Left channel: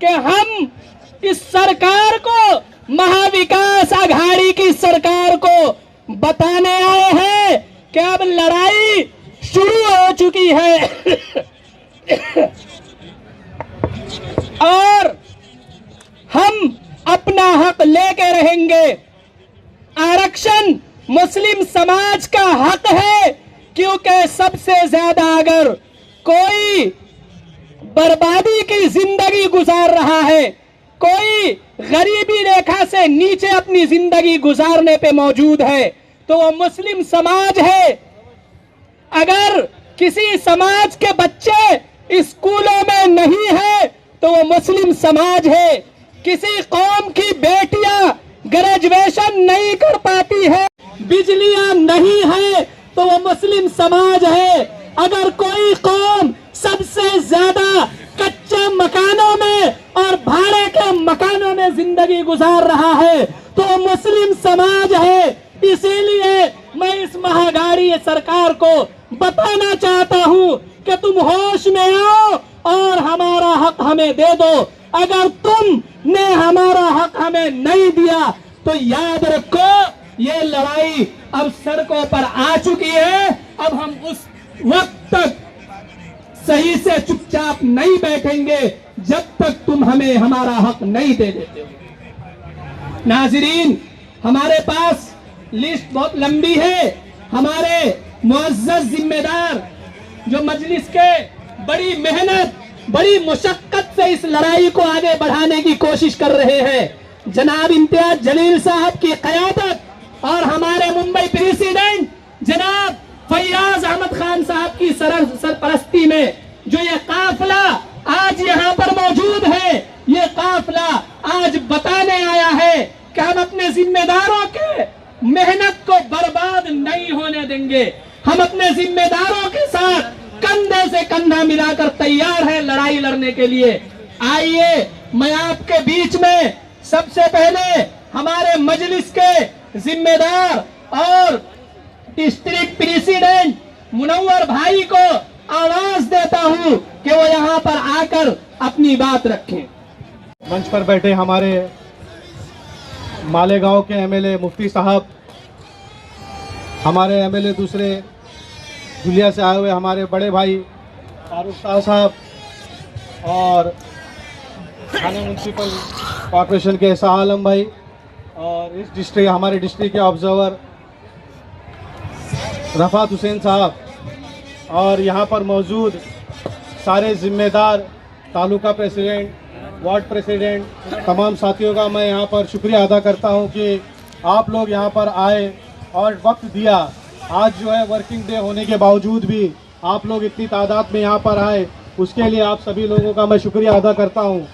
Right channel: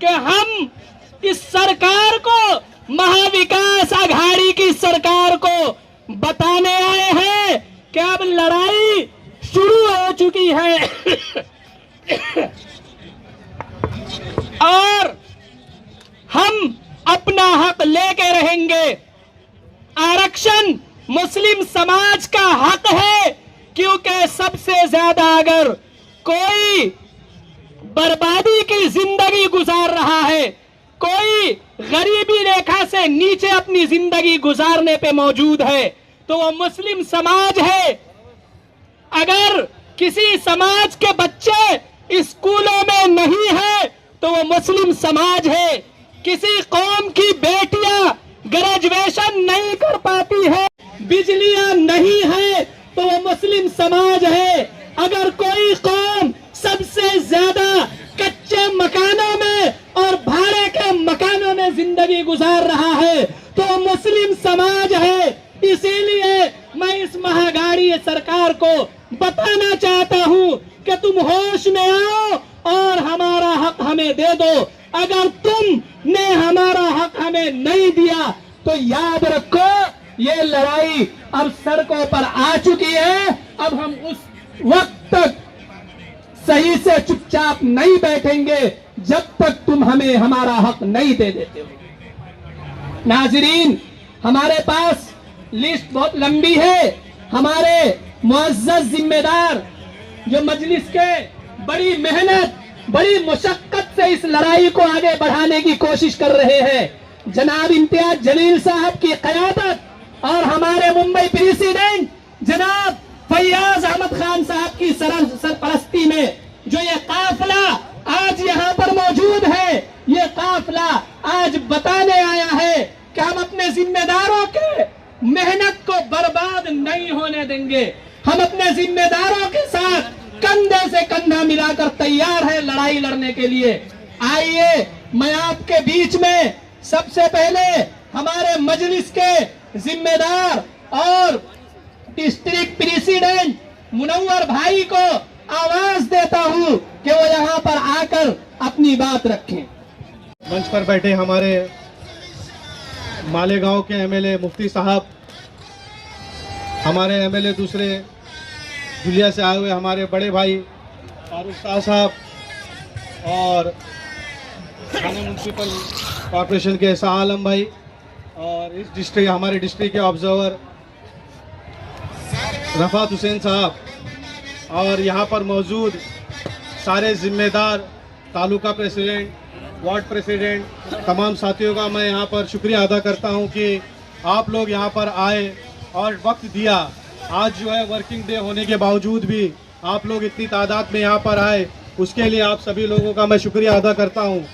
कि हम इस सरकार को, महाविकास आघाड़ी की सरकार को बताने आए हैं कि अब लड़ाई शुरू हो चुकी है और हम अपना हक लेके रहेंगे। आरक्षण मुस्लिम समाज का हक है, क्योंकि सबसे ज्यादा अगर कोई बर्बादी की जिंदगी गुजार रहा है, कोई गरीबी रेखा से नीचे अपनी जिंदगी गुजारने पे मौजूद है, तो वो मुस्लिम समाज है। अगर किसी समाज के बच्चे स्कूलों में नहीं है तो वो मुस्लिम समाज है। किसी कौम की बेटियां ग्रेजुएशन नहीं कर पाती है, बिजलियां नहीं है, तो वो मुस्लिम समाज है। अगर कोई कौम सबसे ज्यादा कच्चे मकानों में और भाड़े के मकानों में जिंदगी गुजार रहा है तो वो मुस्लिम समाज है। इसीलिए मैं इस महागाड़ी सरकार को बताना चाहता हूं कि तुम होश में आओ और हमारा हक हमें दे दो। अगर तुमने हमारा हक हमें नहीं दिया तो याद रखो, ये लड़ाई अब सड़कों पर आ चुकी है। अब हम उस वक्त तक सही से चुपचाप नहीं बैठेंगे जब तक तुम हमें हमारा हक नहीं दे देते हो। नाज़रीन, हमारे पास लिस्ट बहुत लंबी है। हमारे मुअज़्ज़ज़ जिम्मेदार जो मजलिस के बड़ी मेहनत, बड़ी मुशक्कत से इस लड़ाई को आगे बढ़ाने की कोशिश कर रहे हैं, जनाब इम्तियाज जलील साहब की क़यादत और हमारे मुंबई प्रेसिडेंट जनाब फैयाज अहमद खान साहब की सरपरस्ती में जो ये काफिला आज यहाँ पर मौजूद है, ये काफिला आज बताने आया है कि हम अपने जिम्मेदारों के मेहनत को बर्बाद नहीं होने देंगे। हम अपने जिम्मेदारों के साथ कंधे से कंधा मिलाकर तैयार है लड़ाई लड़ने के लिए। आइए, मैं आपके बीच में सबसे पहले हमारे मजलिस के जिम्मेदार और डिस्ट्रिक्ट प्रेसिडेंट मुनव्वर भाई को आवाज देता हूं कि वो यहाँ पर आकर अपनी बात रखें। मंच पर बैठे हमारे मालेगांव के एमएलए मुफ्ती साहब, हमारे एमएलए दूसरे दुलिया से आए हुए हमारे बड़े भाई फारूक साहब और थाना म्यूनसिपल कॉरपोरेशन के शाह आलम भाई और इस डिस्ट्रिक्ट हमारे डिस्ट्रिक्ट के ऑब्जर्वर रफ़ात हुसैन साहब और यहाँ पर मौजूद सारे ज़िम्मेदार तालुका प्रेसिडेंट, वार्ड प्रेसिडेंट, तमाम साथियों का मैं यहाँ पर शुक्रिया अदा करता हूँ कि आप लोग यहाँ पर आए और वक्त दिया। आज जो है वर्किंग डे होने के बावजूद भी आप लोग इतनी तादाद में यहाँ पर आए, उसके लिए आप सभी लोगों का मैं शुक्रिया अदा करता हूँ।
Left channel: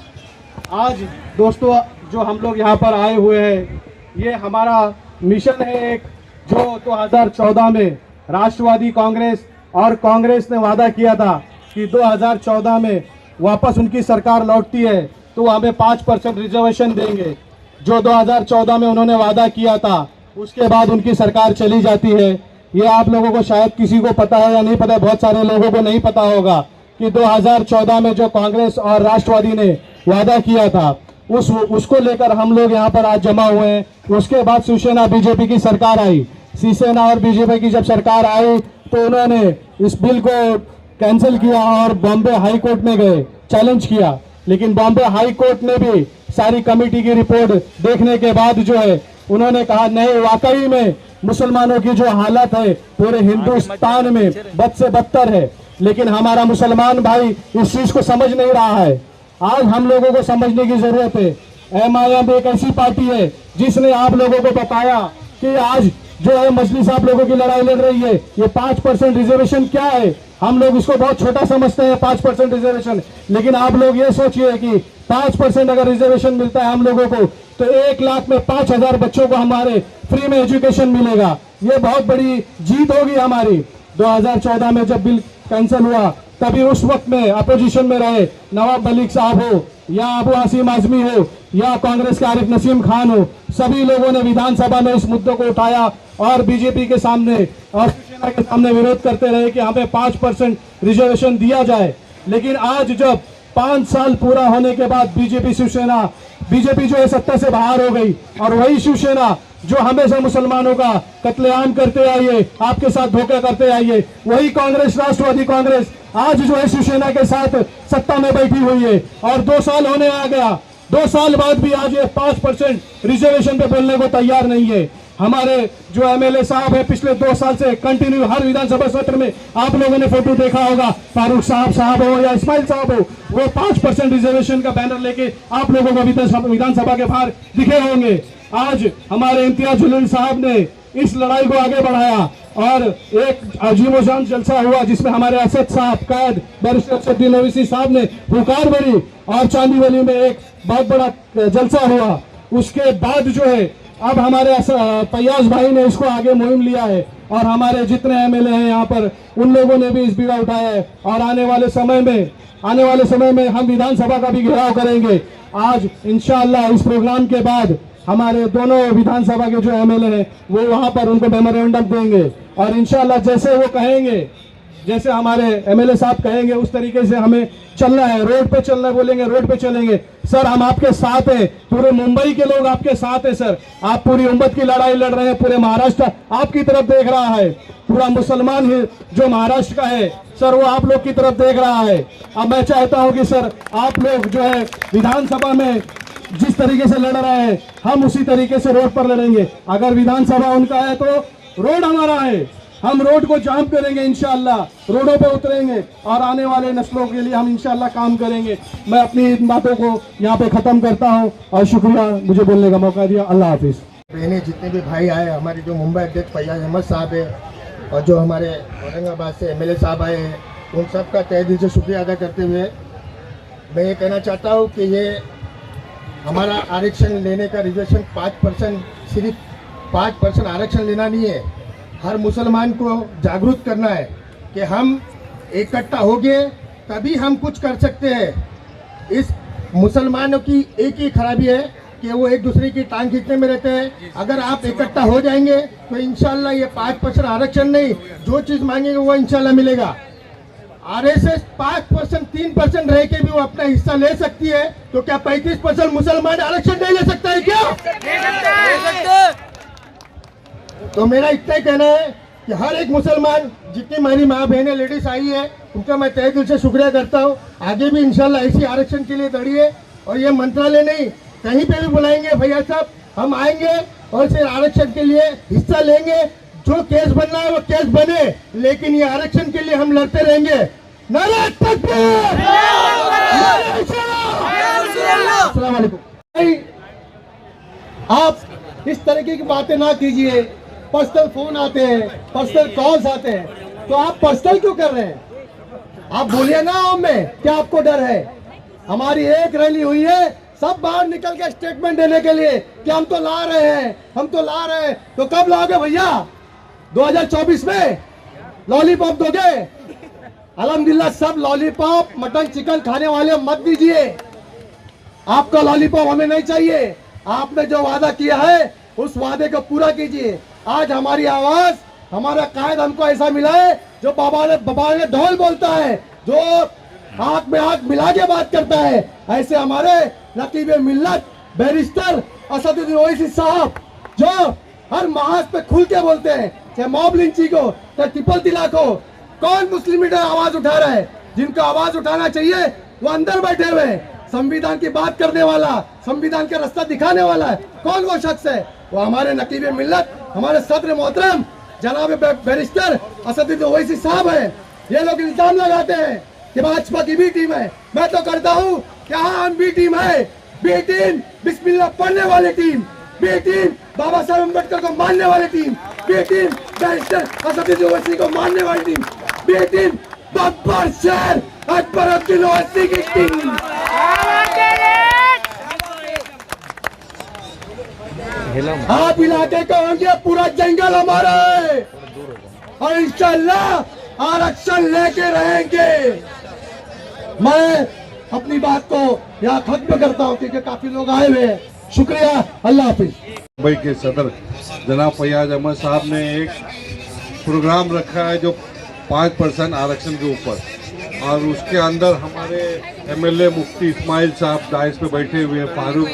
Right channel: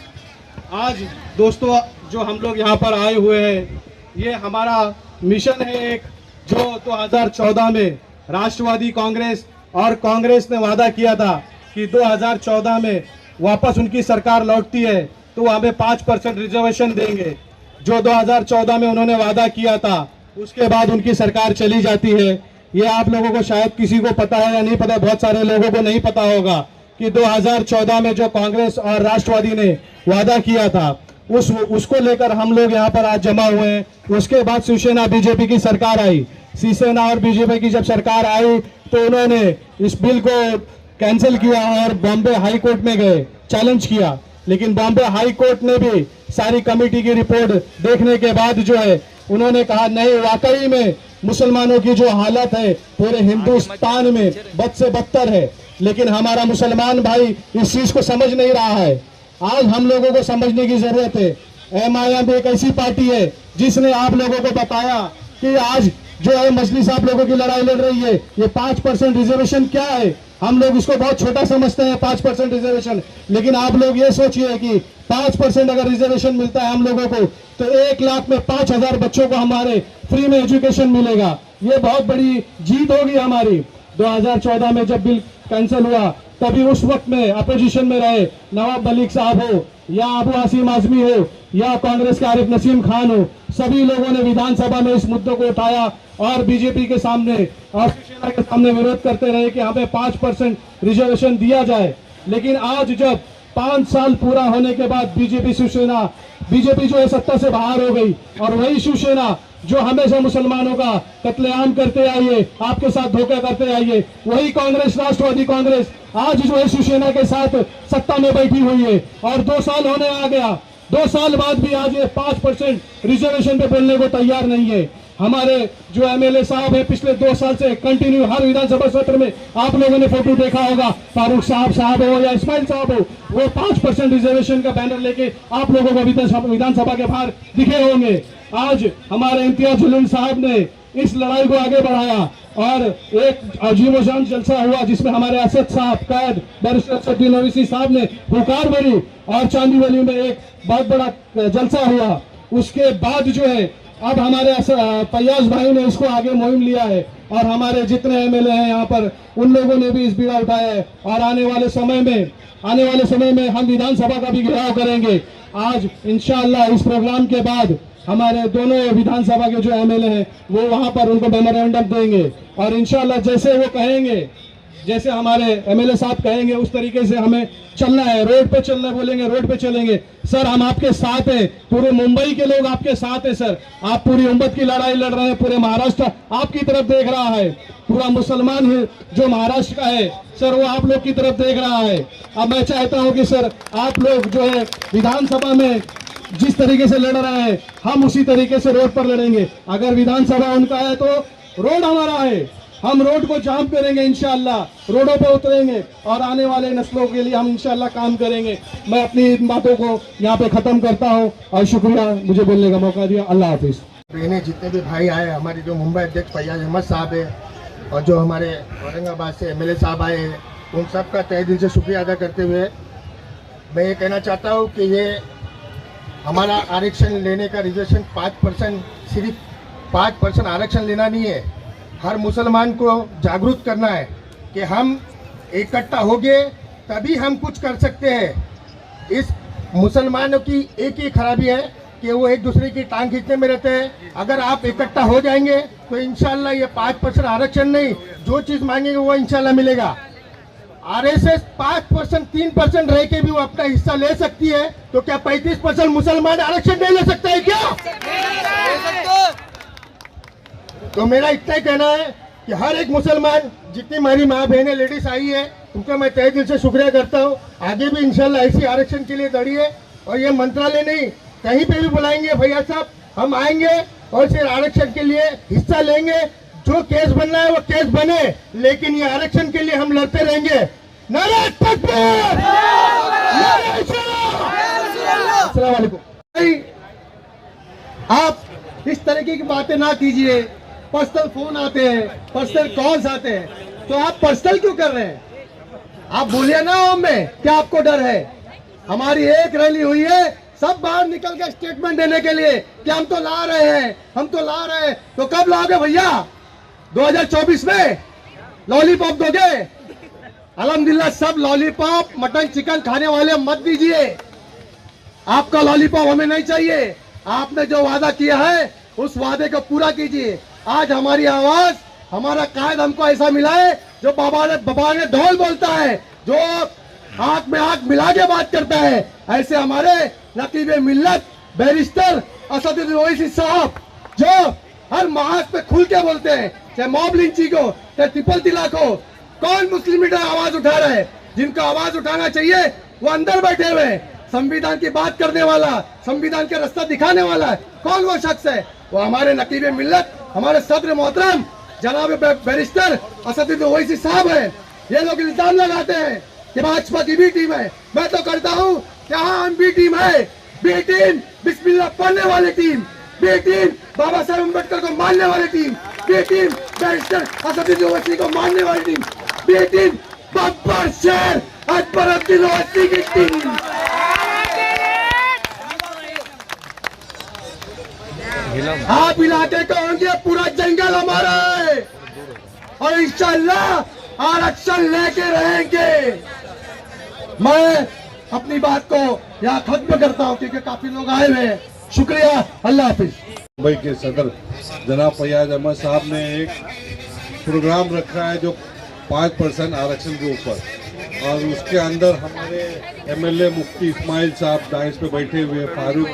आज दोस्तों जो हम लोग यहाँ पर आए हुए हैं, ये हमारा मिशन है एक, जो 2014 में राष्ट्रवादी कांग्रेस और कांग्रेस ने वादा किया था कि 2014 में वापस उनकी सरकार लौटती है तो हमें 5% रिजर्वेशन देंगे। जो 2014 में उन्होंने वादा किया था, उसके बाद उनकी सरकार चली जाती है। ये आप लोगों को शायद किसी को पता है या नहीं पता, बहुत सारे लोगों को नहीं पता होगा कि 2014 में जो कांग्रेस और राष्ट्रवादी ने वादा किया था उसको लेकर हम लोग यहाँ पर आज जमा हुए हैं। उसके बाद शिवसेना बीजेपी की सरकार आई। शिवसेना और बीजेपी की जब सरकार आई तो उन्होंने इस बिल को कैंसिल किया और बॉम्बे हाई कोर्ट में गए, चैलेंज किया। लेकिन बॉम्बे हाई कोर्ट ने भी सारी कमेटी की रिपोर्ट देखने के बाद जो है उन्होंने कहा नहीं, वाकई में मुसलमानों की जो हालत है पूरे हिंदुस्तान में बद से बदतर है। लेकिन हमारा मुसलमान भाई इस चीज को समझ नहीं रहा है। आज हम लोगों को समझने की जरूरत है। MIM एक ऐसी पार्टी है जिसने आप लोगों को बताया कि आज जो है मजलिस आप लोगों की लड़ाई लड़ रही है, ये 5% रिजर्वेशन क्या है। हम लोग इसको बहुत छोटा समझते हैं 5% रिजर्वेशन, लेकिन आप लोग ये सोचिए कि 5% अगर रिजर्वेशन मिलता है हम लोगों को तो 1 लाख में 5,000 बच्चों को हमारे फ्री में एजुकेशन मिलेगा। ये बहुत बड़ी जीत होगी हमारी। 2014 में जब बिल कैंसिल हुआ तभी उस वक्त में अपोजिशन में रहे नवाब मलिक साहब हो या अबू आसिम आजमी हो या कांग्रेस के आरिफ नसीम खान हो, सभी लोगों ने विधानसभा में इस मुद्दे को उठाया और बीजेपी के सामने और शिवसेना के सामने विरोध करते रहे कि हमें 5% रिजर्वेशन दिया जाए। लेकिन आज जब 5 साल पूरा होने के बाद बीजेपी जो है सत्ता से बाहर हो गई, और वही शिवसेना जो हमेशा मुसलमानों का कत्लेआम करते आई है, आपके साथ धोखा करते आई है, वही कांग्रेस, राष्ट्रवादी कांग्रेस आज जो है शिवसेना के साथ सत्ता में बैठी हुई है। और 2 साल होने आ गया, 2 साल बाद भी आज ये 5% रिजर्वेशन पे बोलने को तैयार नहीं है। हमारे जो एमएलए साहब है पिछले 2 साल से कंटिन्यू हर विधानसभा सत्र में आप लोगों ने फोटो देखा होगा, फारूक साहब हो या इस्माइल साहब हो, वो 5% रिजर्वेशन का बैनर लेके आप लोगों को विधानसभा के बाहर दिखे होंगे। आज हमारे इम्तियाज जलील साहब ने इस लड़ाई को आगे बढ़ाया और एक अजीबोशान जलसा हुआ जिसमें हमारे असद साहब, कैद बैरिस्टर असदुद्दीन ओवैसी साहब ने हुकार भरी और चांदीवली में एक बहुत बड़ा जलसा हुआ। उसके बाद जो है अब हमारे फैयाज भाई ने इसको आगे मुहिम लिया है और हमारे जितने एमएलए हैं यहाँ पर उन लोगों ने भी इस बीड़ा उठाया है और आने वाले समय में हम विधानसभा का भी घेराव करेंगे। आज इंशाअल्लाह इस प्रोग्राम के बाद हमारे दोनों विधानसभा के जो एमएलए हैं वो वहां पर उनको मेमोरेंडम देंगे और इंशाअल्लाह जैसे वो कहेंगे, जैसे हमारे एमएलए साहब कहेंगे उस तरीके से हमें चलना है। रोड पे चलना है, बोलेंगे रोड पे चलेंगे। सर हम आपके साथ हैं, पूरे मुंबई के लोग आपके साथ हैं सर। आप पूरी उम्मत की लड़ाई लड़ रहे हैं, पूरे महाराष्ट्र आपकी तरफ देख रहा है, पूरा मुसलमान ही जो महाराष्ट्र का है सर वो आप लोग की तरफ देख रहा है। अब मैं चाहता हूं कि सर आप लोग जो है विधानसभा में जिस तरीके से लड़ रहे हैं हम उसी तरीके से रोड पर लड़ेंगे। अगर विधानसभा उनका है तो रोड हमारा है, हम रोड को जाम करेंगे, इंशाअल्लाह रोडों पे उतरेंगे और आने वाले नस्लों के लिए हम इंशाअल्लाह काम करेंगे। मैं अपनी इन बातों को यहाँ पे खत्म करता हूँ और शुक्रिया मुझे बोलने का मौका दिया। अल्लाह हाफिज। जितने भी भाई आए, हमारे जो मुंबई अध्यक्ष फैयाज अहमद साहब है और जो हमारे औरंगाबाद से एमएलए साहब आए हैं, उन सब का तहे दिल से शुक्रिया अदा करते हुए मैं ये कहना चाहता हूँ कि ये हमारा आरक्षण लेने का रिजर्वेशन 5%, सिर्फ 5% आरक्षण लेना नहीं है, हर मुसलमान को जागरूक करना है कि हम इकट्ठा होंगे तभी हम कुछ कर सकते हैं। इस मुसलमानों की एक ही खराबी है कि वो एक दूसरे की टांग खींचने में रहते हैं। अगर आप इकट्ठा हो जाएंगे तो इंशाल्लाह ये 5% आरक्षण नहीं, जो चीज़ मांगेंगे वो इंशाल्लाह मिलेगा। आरएसएस 5%, 3% रह के भी वो अपना हिस्सा ले सकती है, तो क्या 35% मुसलमान आरक्षण नहीं ले सकता है क्या? तो मेरा इतना ही कहना है कि हर एक मुसलमान, जितनी हमारी माँ बहनें लेडीज आई है, उनका मैं तहे दिल से शुक्रिया करता हूँ। आगे भी इंशाल्लाह ऐसी आरक्षण के लिए लड़िए और ये मंत्रालय नहीं, कहीं पे भी बुलाएंगे भैया साहब, हम आएंगे और सिर्फ आरक्षण के लिए हिस्सा लेंगे। जो केस बनना है वो केस बने, लेकिन ये आरक्षण के लिए हम लड़ते रहेंगे। नारे तकबीर, नारे इस्लाम। अस्सलाम वालेकुम। आप इस तरीके की बातें ना कीजिए। पर्सनल फोन आते हैं, पर्सनल कॉल्स आते हैं, तो आप पर्सनल क्यों कर रहे हैं? आप बोलिए ना हमें, क्या आपको डर है? हमारी एक रैली हुई है, सब बाहर निकल के स्टेटमेंट देने के लिए कि हम तो ला रहे हैं, हम तो ला रहे हैं। तो कब लाओगे भैया? 2024 में लॉलीपॉप दोगे? अल्हम्दुलिल्लाह सब लॉलीपॉप, मटन चिकन खाने वाले मत दीजिए। आपका लॉलीपॉप हमें नहीं चाहिए। आपने जो वादा किया है उस वादे को पूरा कीजिए। आज हमारी आवाज, हमारा कायद हमको ऐसा मिला है जो बाबा ने ढोल बोलता है, जो आंख में आंख मिला के बात करता है। ऐसे हमारे नकीब मिल्लत बैरिस्टर असदुद्दीन ओवैसी साहब जो हर महाज पे खुल के बोलते हैं, चाहे मॉब लिंचिंग को, चाहे ट्रिपल तलाक हो। कौन मुस्लिम लीडर आवाज उठा रहा है? जिनको आवाज उठाना चाहिए वो अंदर बैठे हुए हैं। संविधान की बात करने वाला, संविधान का रास्ता दिखाने वाला है, कौन वो शख्स है? वो हमारे नकीब मिल्लत, हमारे सदर मोहतरम जनाब बैरिस्टर असदुद्दीन ओवैसी साहब है। ये लोग इल्जाम लगाते हैं कि भाजपा की बी टीम है। मैं तो करता हूँ कि हाँ हम बी टीम है। बी टीम बिस्मिल्लाह पढ़ने वाली टीम, बी टीम बाबा साहब अम्बेडकर को मानने वाली team, B team barrister Asaduddin Owaisi को मानने वाली टीम, बी टीम बब्बर शेर अकबरुद्दीन ओवैसी की टीम। आप इलाके को होंगे, पूरा जंगल हमारा है और इंशाअल्लाह आरक्षण लेके रहेंगे। मैं अपनी बात को यहाँ खत्म करता हूँ क्योंकि काफी लोग आए हुए हैं। शुक्रिया, अल्लाह हाफिज। मुंबई के सदर जनाब फैयाज अहमद साहब ने एक प्रोग्राम रखा है जो 5% आरक्षण के ऊपर। और उसके अंदर हमारे एमएलए मुफ्ती इस्माइल साहब दाइस पे बैठे हुए हैं, फारूक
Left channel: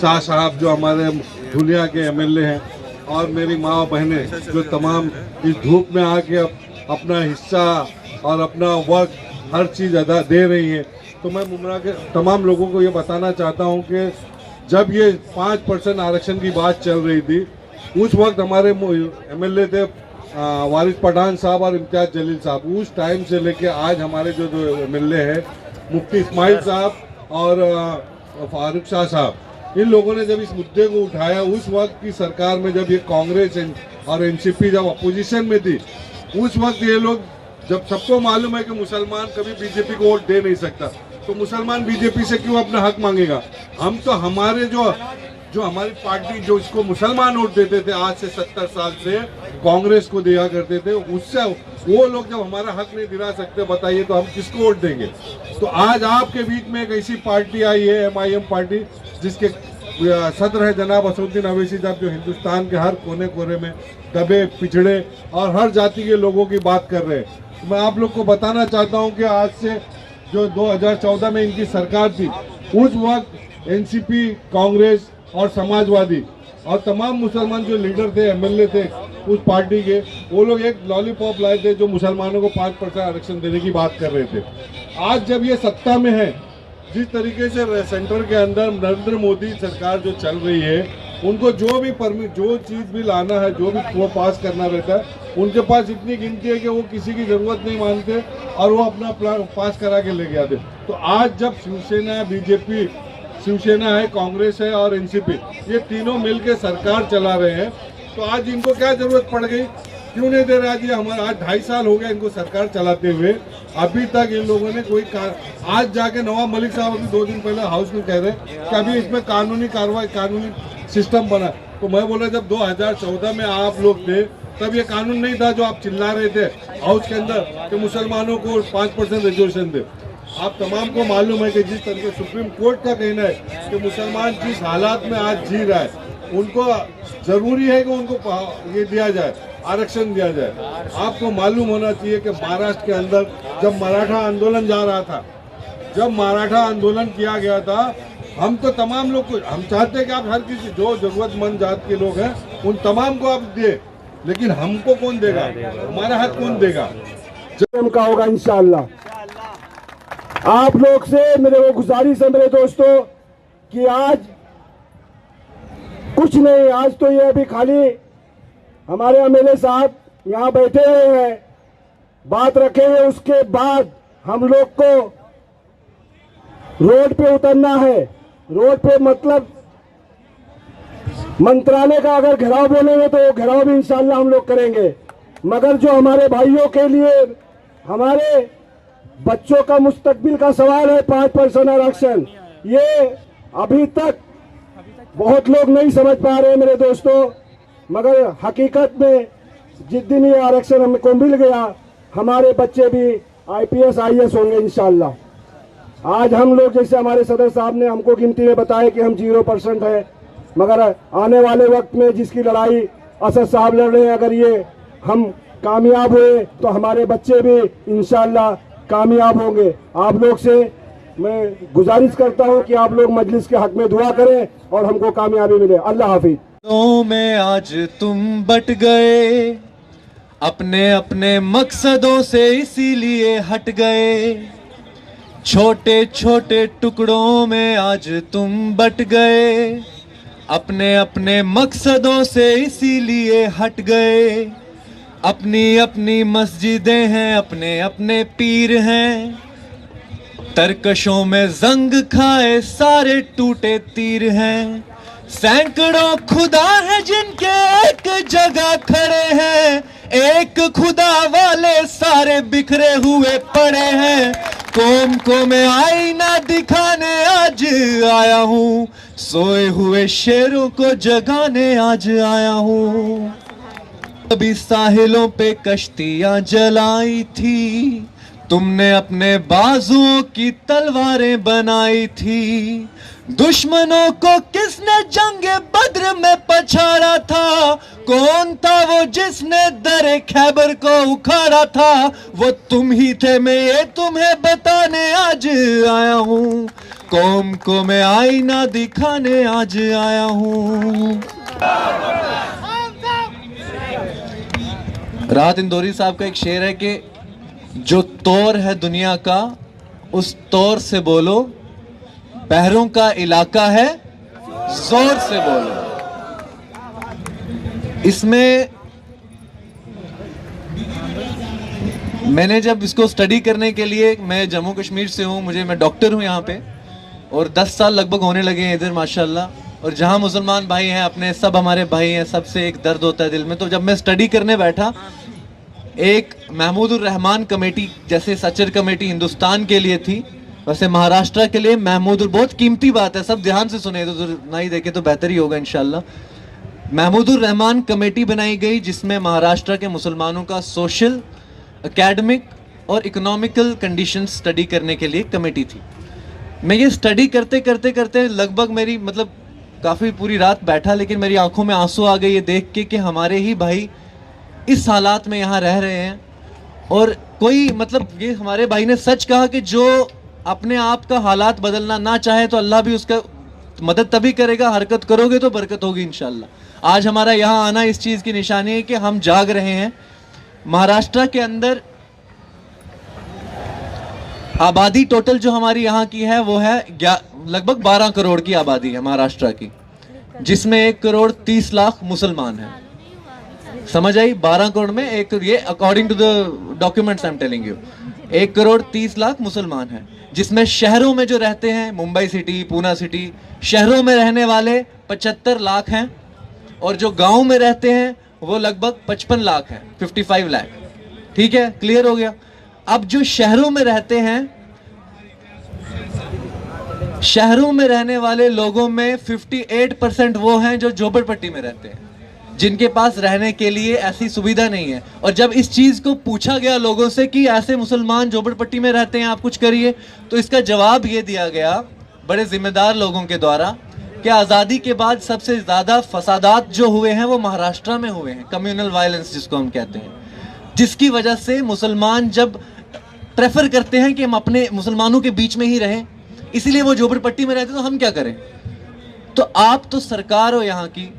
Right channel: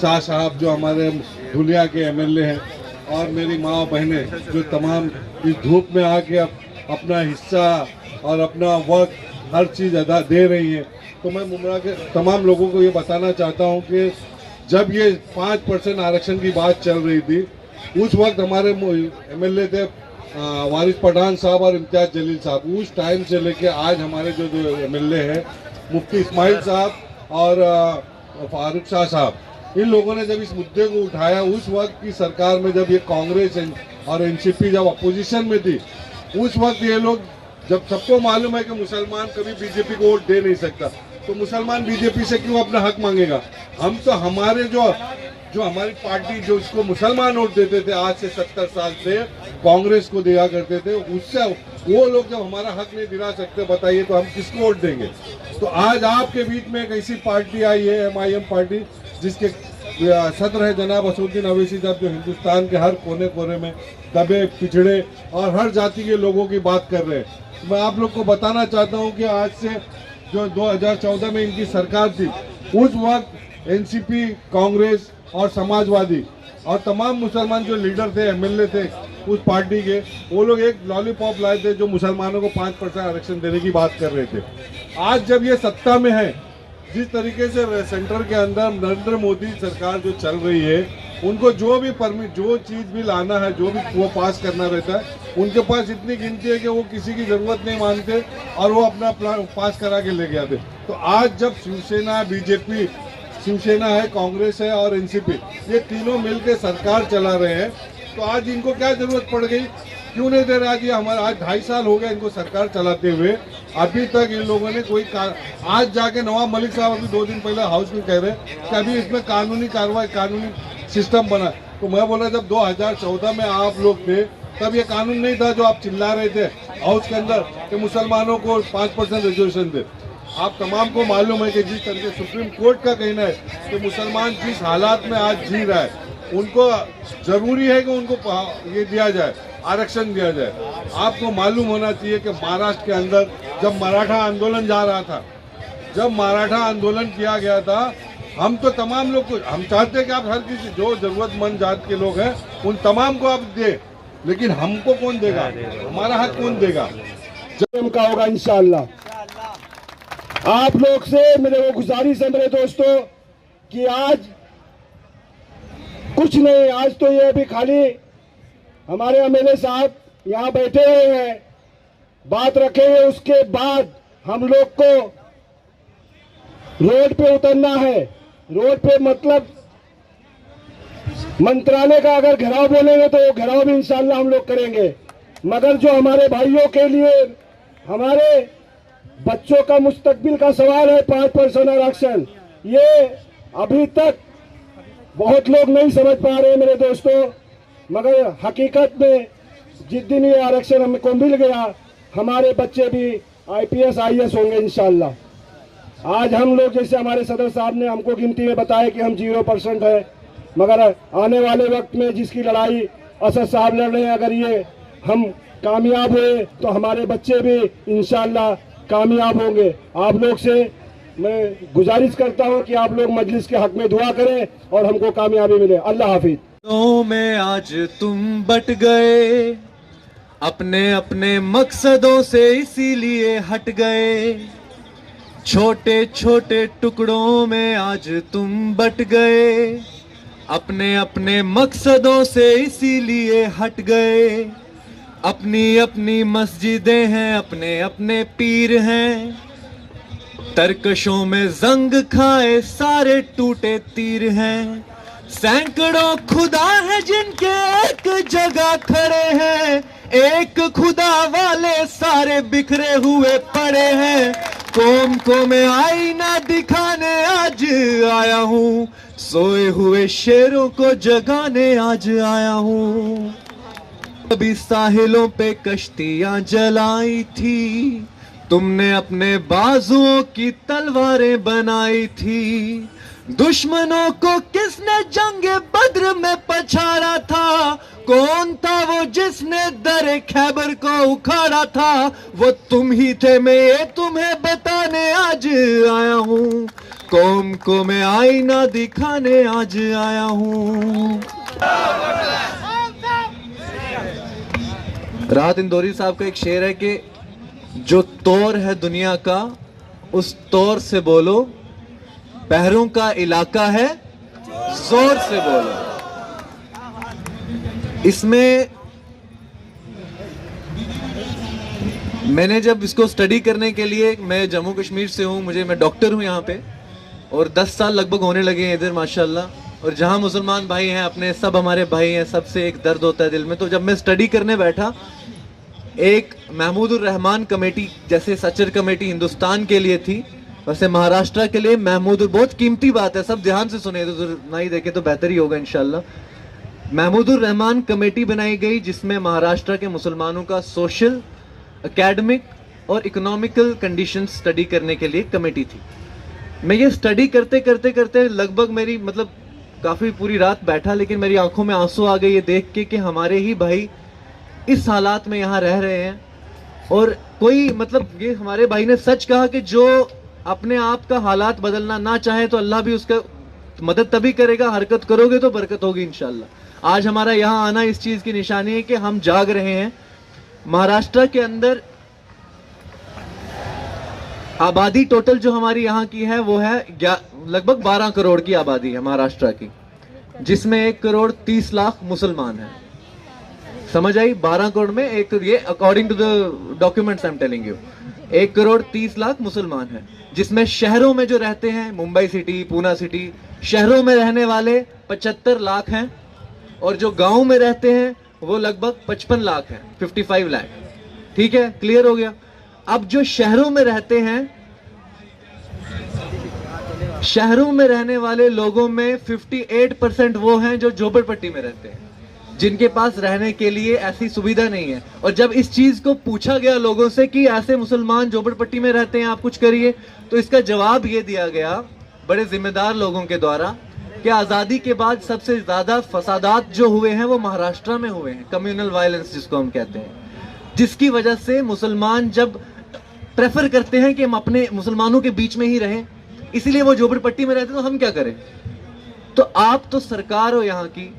शाह साहब जो हमारे धुलिया के एमएलए हैं, और मेरी माँ बहनें जो तमाम इस धूप में आके अपना हिस्सा और अपना वक्त हर चीज़ अदा दे रही हैं। तो मैं मुमरा के तमाम लोगों को ये बताना चाहता हूँ कि जब ये 5% आरक्षण की बात चल रही थी, उस वक्त हमारे एमएलए थे वारिस पठान साहब और इम्तियाज जलील साहब। उस टाइम से लेके आज हमारे जो एमएलए हैं मुफ्ती इस्माइल साहब और फारूक शाह साहब, इन लोगों ने जब इस मुद्दे को उठाया, उस वक्त की सरकार में जब ये कांग्रेस और एनसीपी जब अपोजिशन में थी, उस वक्त ये लोग, जब सबको मालूम है कि मुसलमान कभी बीजेपी को वोट दे नहीं सकता, तो मुसलमान बीजेपी से क्यों अपना हक मांगेगा। हम तो हमारे जो हमारी पार्टी जो इसको मुसलमान वोट देते थे आज से 70 साल से कांग्रेस को दिया करते थे, उससे वो लोग जब हमारा हक नहीं दिला सकते, बताइए तो हम किसको वोट देंगे। तो आज आपके बीच में एक ऐसी पार्टी आई है MIM पार्टी, जिसके सदर है जनाब असदुद्दीन अवैसी साहब, जो हिंदुस्तान के हर कोने कोने में दबे पिछड़े और हर जाति के लोगों की बात कर रहे हैं। मैं आप लोग को बताना चाहता हूं कि आज से जो 2014 में इनकी सरकार थी, उस वक्त एनसीपी, कांग्रेस और समाजवादी और तमाम मुसलमान जो लीडर थे, एमएलए थे उस पार्टी के, वो लोग एक लॉलीपॉप लाए थे जो मुसलमानों को 5% आरक्षण देने की बात कर रहे थे। आज जब ये सत्ता में है, जिस तरीके से सेंटर के अंदर नरेंद्र मोदी सरकार जो चल रही है, उनको जो चीज़ भी लाना है, जो भी वो पास करना रहता है, उनके पास इतनी गिनती है कि वो किसी की ज़रूरत नहीं मानते और वो अपना पास करा के ले आते। तो आज जब शिवसेना, बीजेपी, शिवसेना है, कांग्रेस है और एनसीपी, ये तीनों मिलकर सरकार चला रहे हैं, तो आज इनको क्या जरूरत पड़ गई, क्यों नहीं दे रहा? हमारा आज 2.5 साल हो गए इनको सरकार चलाते हुए, अभी तक इन लोगों ने कोई आज जाके नवाब मलिक साहब अभी 2 दिन पहले हाउस में कह रहे कि अभी इसमें कानूनी कार्रवाई, कानूनी सिस्टम बना। तो मैं बोला जब 2014 में आप लोग थे तब ये कानून नहीं था जो आप चिल्ला रहे थे हाउस के अंदर कि मुसलमानों को 5% रिजर्वेशन दे। आप तमाम को मालूम है कि जिस तरीके सुप्रीम कोर्ट का कहना है कि मुसलमान जिस हालात में आज जी रहा है, उनको जरूरी है कि उनको ये दिया जाए, आरक्षण दिया जाए। आपको मालूम होना चाहिए कि महाराष्ट्र के अंदर जब मराठा आंदोलन जा रहा था, जब मराठा आंदोलन किया गया था, हम तो तमाम लोग को, हम चाहते हैं कि आप हर किसी जो जरूरतमंद जात के लोग हैं उन तमाम को आप दे, लेकिन हमको कौन देगा, हमारा हक कौन देगा? जब का होगा इंशाअल्लाह। आप लोग से मेरे को गुजारिश है मेरे दोस्तों कि आज कुछ नहीं, आज तो ये अभी खाली हमारे एमएलए साहब यहाँ बैठे हुए हैं, बात रखेंगे, उसके बाद हम लोग को रोड पे उतरना है। रोड पे मतलब मंत्रालय का अगर घेराव बोलेंगे तो वो घेराव भी इंशाल्लाह हम लोग करेंगे, मगर जो हमारे भाइयों के लिए, हमारे बच्चों का मुस्तकबिल का सवाल है 5% आरक्षण, ये अभी तक बहुत लोग नहीं समझ पा रहे हैं मेरे दोस्तों, मगर हकीकत में जिस दिन ये आरक्षण हमको मिल गया, हमारे बच्चे भी IPS IAS होंगे इंशाल्लाह। आज हम लोग, जैसे हमारे सदर साहब ने हमको गिनती में बताया कि हम 0% है, मगर आने वाले वक्त में जिसकी लड़ाई असद साहब लड़ रहे हैं, अगर ये हम कामयाब हुए तो हमारे बच्चे भी इंशाल्लाह कामयाब होंगे। आप लोग से मैं गुजारिश करता हूं कि आप लोग मजलिस के हक में दुआ करें और हमको कामयाबी मिले। अल्लाह हाफिज। में आज तुम बट गए, अपने अपने मकसदों से इसीलिए हट गए, छोटे छोटे टुकड़ों में आज तुम बट गए, अपने अपने मकसदों से इसीलिए हट गए, अपनी अपनी मस्जिदें हैं, अपने अपने पीर हैं, तरकशों में जंग खाए सारे टूटे तीर हैं, सैकड़ों खुदा है जिनके एक जगह खड़े हैं, एक खुदा वाले सारे बिखरे हुए पड़े हैं, कौम को मैं आईना दिखाने आज आया हूँ, सोए हुए शेरों को जगाने आज आया हूँ। कभी साहिलों पे कश्तियां जलाई थी, तुमने अपने बाजुओं की तलवारें बनाई थी, दुश्मनों को किसने जंगे बद्र में पछाड़ा था, कौन था वो जिसने दरे खैबर को उखाड़ा था, वो तुम ही थे, मैं ये तुम्हें बताने आज आया हूँ, कौम को मैं आईना दिखाने आज आया हूँ। राहत इंदौरी साहब का एक शेर है कि जो तौर है दुनिया का उस तौर से बोलो, पैरों का इलाका है जोर से बोलो। इसमें मैंने जब इसको स्टडी करने के लिए, मैं जम्मू कश्मीर से हूँ, मैं डॉक्टर हूँ यहाँ पे, और 10 साल लगभग होने लगे हैं इधर माशाल्लाह, और जहाँ मुसलमान भाई हैं अपने, सब हमारे भाई हैं, सबसे एक दर्द होता है दिल में। तो जब मैं स्टडी करने बैठा, एक महमूदुर रहमान कमेटी जैसे सचर कमेटी हिंदुस्तान के लिए थी, वैसे महाराष्ट्र के लिए महमूदुर, बहुत कीमती बात है, सब ध्यान से सुने, तो ना ही देखे तो बेहतर ही होगा इंशाल्लाह। महमूदुर रहमान कमेटी बनाई गई जिसमें महाराष्ट्र के मुसलमानों का सोशल, एकेडमिक और इकोनॉमिकल कंडीशन स्टडी करने के लिए कमेटी थी। मैं ये स्टडी करते करते करते लगभग मेरी काफ़ी पूरी रात बैठा, लेकिन मेरी आंखों में आंसू आ गए ये देख के कि हमारे ही भाई इस हालात में यहाँ रह रहे हैं। और कोई ये हमारे भाई ने सच कहा कि जो अपने आप का हालात बदलना ना चाहे तो अल्लाह भी उसका मदद तभी करेगा, हरकत करोगे तो बरकत होगी इंशाल्लाह। आज हमारा यहाँ आना इस चीज़ की निशानी है कि हम जाग रहे हैं। महाराष्ट्र के अंदर आबादी टोटल जो हमारी यहाँ की है वो है लगभग 12 करोड़ की आबादी है महाराष्ट्र की, जिसमें 1 करोड़ 30 लाख मुसलमान हैं। समझ आई? 12 करोड़ में ये according to the documents I am telling you, 1 crore 30 lakh मुसलमान हैं, जिसमें शहरों में जो रहते हैं, मुंबई सिटी, पूना सिटी, शहरों में रहने वाले 75 लाख हैं, और जो गांव में रहते हैं वो लगभग 55 लाख हैं, 55 लाख। ठीक है, क्लियर हो गया। अब जो शहरों में रहते हैं, शहरों में रहने वाले लोगों में 58% वो हैं जो झोपड़पट्टी में रहते हैं, जिनके पास रहने के लिए ऐसी सुविधा नहीं है। और जब इस चीज को पूछा गया लोगों से कि ऐसे मुसलमान झोपड़पट्टी में रहते हैं, आप कुछ करिए, तो इसका जवाब ये दिया गया बड़े जिम्मेदार लोगों के द्वारा कि आज़ादी के बाद सबसे ज़्यादा फसादात जो हुए हैं वो महाराष्ट्र में हुए हैं, कम्युनल वायलेंस जिसको हम कहते हैं, जिसकी वजह से मुसलमान जब प्रेफर करते हैं कि हम अपने मुसलमानों के बीच में ही रहें, इसीलिए वो झोपड़पट्टी में रहते हैं। तो हम क्या करें? तो आप तो सरकार हो यहाँ की,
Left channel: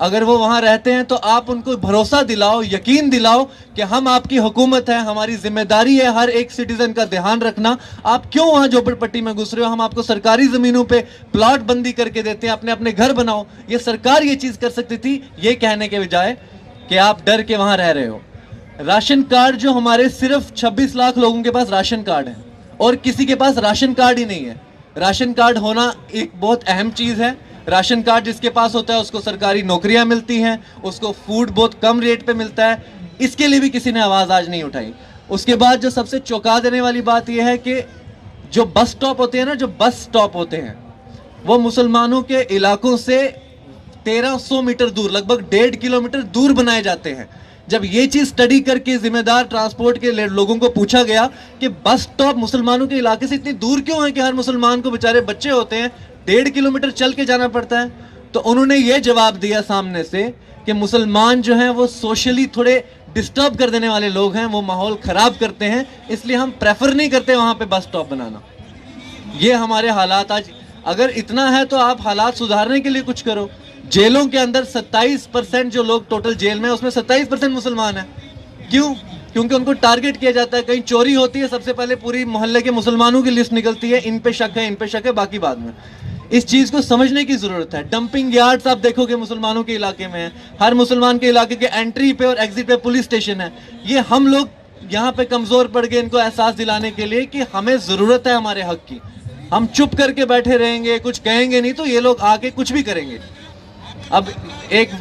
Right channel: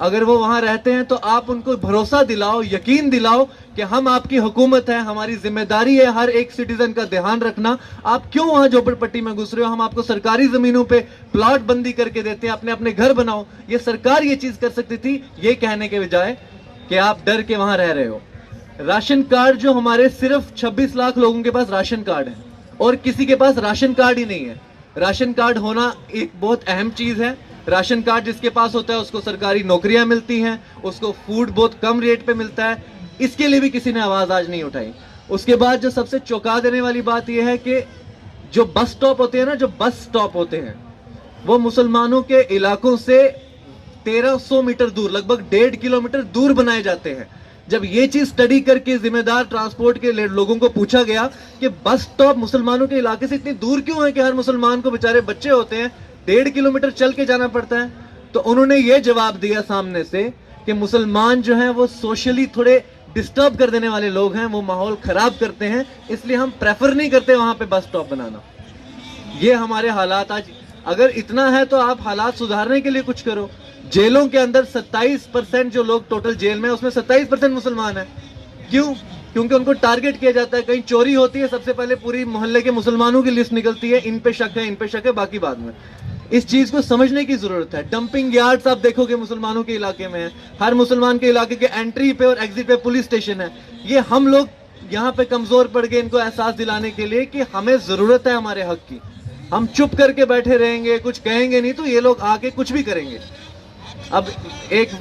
अगर वो वहाँ रहते हैं तो आप उनको भरोसा दिलाओ, यकीन दिलाओ कि हम आपकी हुकूमत है, हमारी जिम्मेदारी है हर एक सिटीजन का ध्यान रखना। आप क्यों वहाँ झोपड़पट्टी में घुस रहे हो? हम आपको सरकारी ज़मीनों पे प्लॉट बंदी करके देते हैं, अपने अपने घर बनाओ। ये सरकार ये चीज़ कर सकती थी, ये कहने के बजाय कि आप डर के वहाँ रह रहे हो। राशन कार्ड जो हमारे सिर्फ 26 लाख लोगों के पास राशन कार्ड है, और किसी के पास राशन कार्ड ही नहीं है। राशन कार्ड होना एक बहुत अहम चीज़ है। राशन कार्ड जिसके पास होता है उसको सरकारी नौकरियां मिलती हैं, उसको फूड बहुत कम रेट पे मिलता है। इसके लिए भी किसी ने आवाज़ आज नहीं उठाई। उसके बाद जो सबसे चौंका देने वाली बात यह है कि जो बस स्टॉप होते हैं ना, जो बस स्टॉप होते हैं वो मुसलमानों के इलाकों से 1300 मीटर दूर, लगभग 1.5 किलोमीटर दूर बनाए जाते हैं। जब ये चीज स्टडी करके जिम्मेदार ट्रांसपोर्ट के लोगों को पूछा गया कि बस स्टॉप मुसलमानों के इलाके से इतनी दूर क्यों है कि हर मुसलमान को, बेचारे बच्चे होते हैं, 1.5 किलोमीटर चल के जाना पड़ता है, तो उन्होंने ये जवाब दिया सामने से कि मुसलमान जो हैं वो सोशली थोड़े डिस्टर्ब कर देने वाले लोग हैं, वो माहौल खराब करते हैं, इसलिए हम प्रेफर नहीं करते वहां पे बस स्टॉप बनाना। ये हमारे हालात आज। अगर इतना है तो आप हालात सुधारने के लिए कुछ करो। जेलों के अंदर 27% जो लोग टोटल जेल में, उसमें 27% मुसलमान हैं। क्यों? क्योंकि उनको टारगेट किया जाता है। कहीं चोरी होती है, सबसे पहले पूरी मोहल्ले के मुसलमानों की लिस्ट निकलती है, इन पे शक है, इन पे शक है, बाकी बाद में। इस चीज को समझने की जरूरत है। डंपिंग यार्ड्स आप देखोगे मुसलमानों के इलाके में है, हर मुसलमान के इलाके के एंट्री पे और एग्जिट पे पुलिस स्टेशन है। ये हम लोग यहाँ पे कमजोर पड़ गए इनको एहसास दिलाने के लिए कि हमें जरूरत है हमारे हक की। हम चुप करके बैठे रहेंगे, कुछ कहेंगे नहीं, तो ये लोग आके कुछ भी करेंगे। अब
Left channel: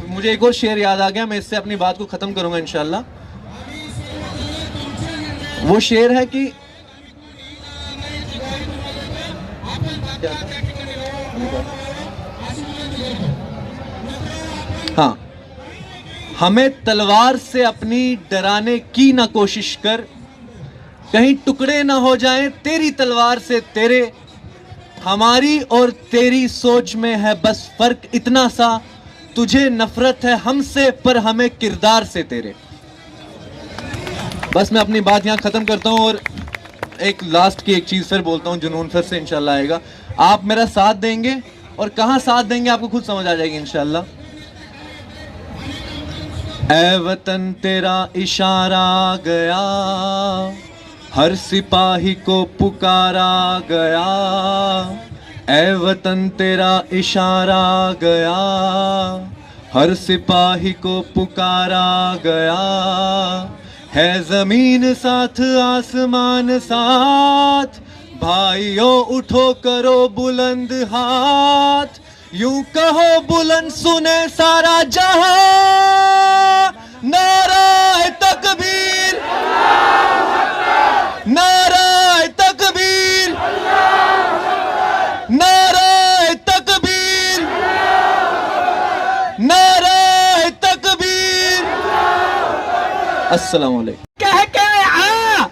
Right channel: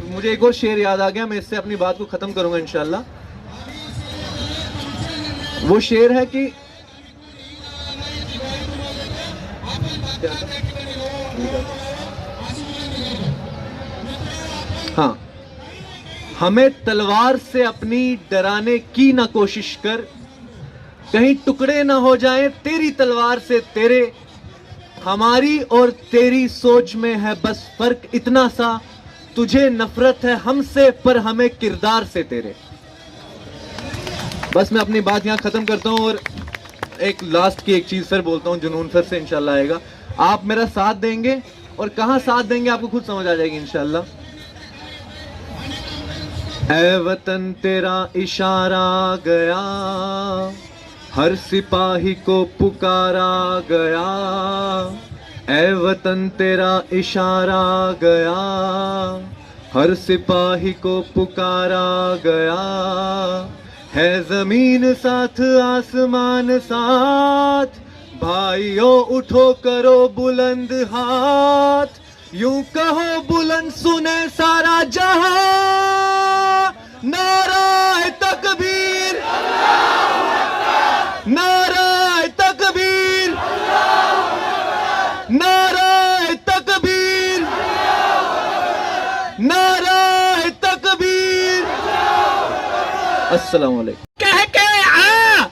मुझे एक और शेर याद आ गया, मैं इससे अपनी बात को खत्म करूंगा इंशाल्लाह। वो शेर है कि हाँ, हमें तलवार से अपनी डराने की ना कोशिश कर, कहीं टुकड़े ना हो जाएं तेरी तलवार से तेरे। हमारी और तेरी सोच में है बस फर्क इतना सा, तुझे नफरत है हमसे पर हमें किरदार से तेरे। बस मैं अपनी बात यहाँ खत्म करता हूँ और एक लास्ट की एक चीज फिर बोलता हूँ, जुनून फिर से इंशाल्लाह आएगा। आप मेरा साथ देंगे और कहाँ साथ देंगे आपको खुद समझ आ जाएगी इंशाल्लाह। ऐ वतन तेरा इशारा गया, हर सिपाही को पुकारा गया। ऐ वतन तेरा इशारा गया, हर सिपाही को पुकारा गया। है जमीन साथ आसमान साथ, भाइयों उठो करो बुलंद हाथ। यूं कहो बुलंद सुने सारा जहां, नाराए तकबीर, नाराए तकबीर, नाराए तकबीर, नाराए तकबीर। अस्सलाम वालेकुम। कह के आ,